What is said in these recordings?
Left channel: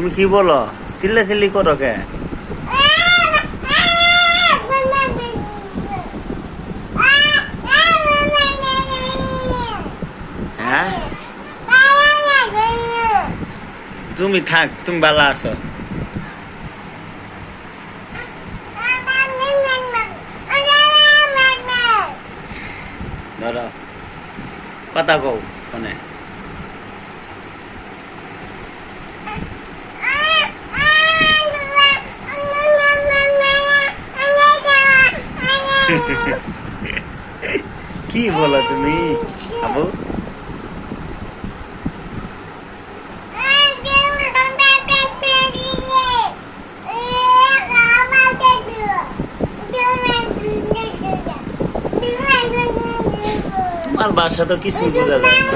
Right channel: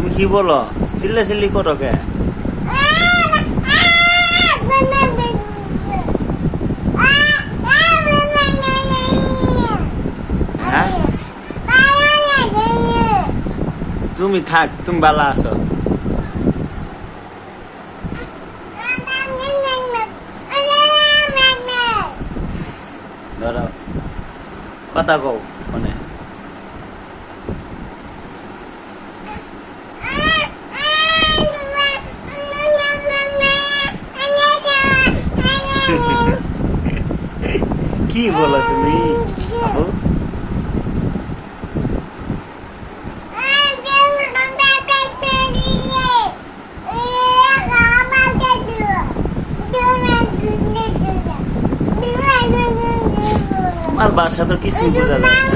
তুমি কি বলো? চিল্লি করো কে? হ্যাঁ, তুমি থাক, তুমি ভালো আছো। ধরো কথা কও মানে কি বলো তুমি আবু? তোমার বাসা তো কিছুই বোঝা যায় না।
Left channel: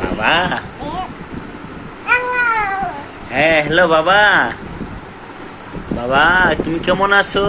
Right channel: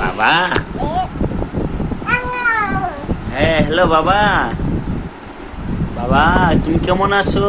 বাবা, হ্যাঁ হ্যালো বাবা। বাবা তুমি কেমন আছো?